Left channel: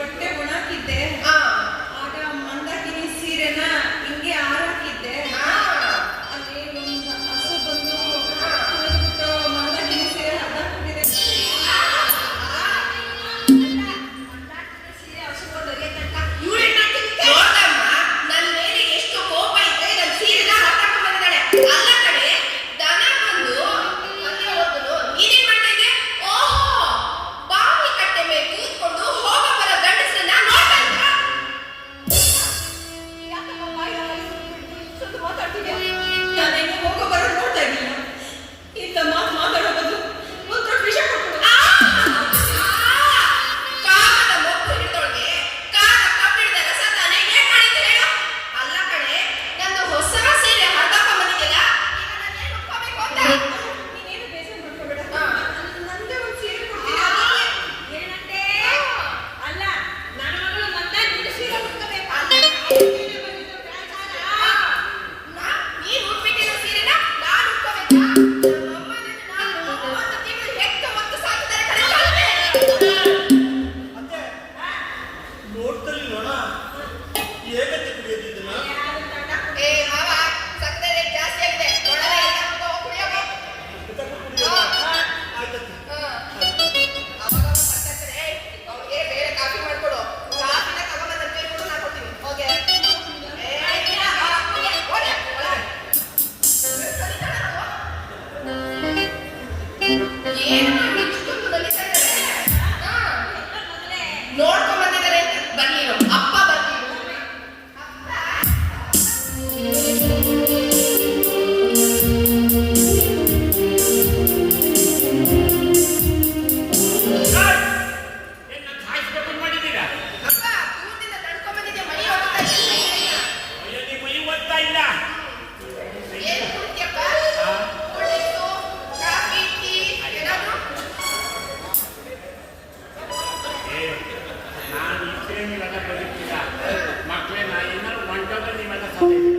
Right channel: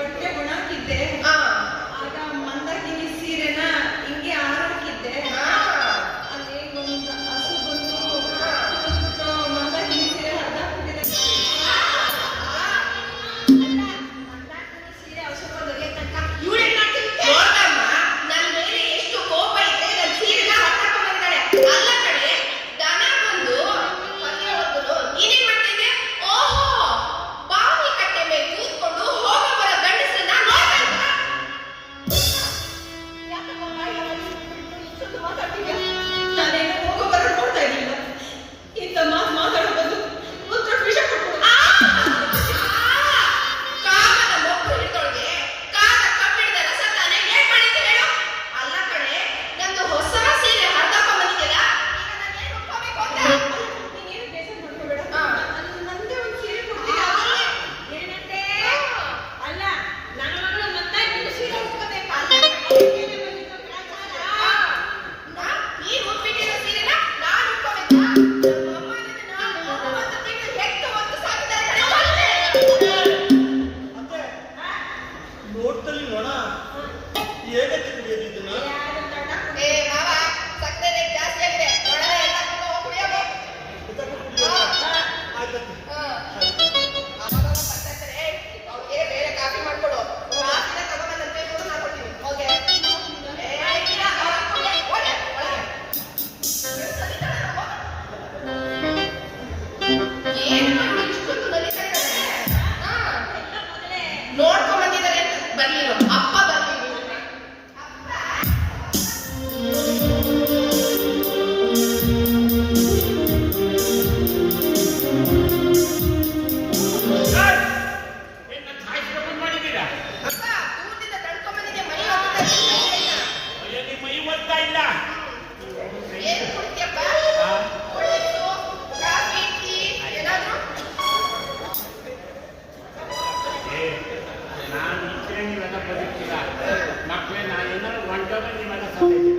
fuerte pues, ಮಕ್ಕಳೇ ನೀವೆಲ್ಲ ಬದುಕ್ತೀರ ಮಕ್ಕಳೇ ನಾ ಏನಾದ್ರು ಹೊಂಟೋದ್ರೆ ನೀವೆಲ್ಲ ಸತ್ತೈತೀರ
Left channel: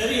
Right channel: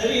சரி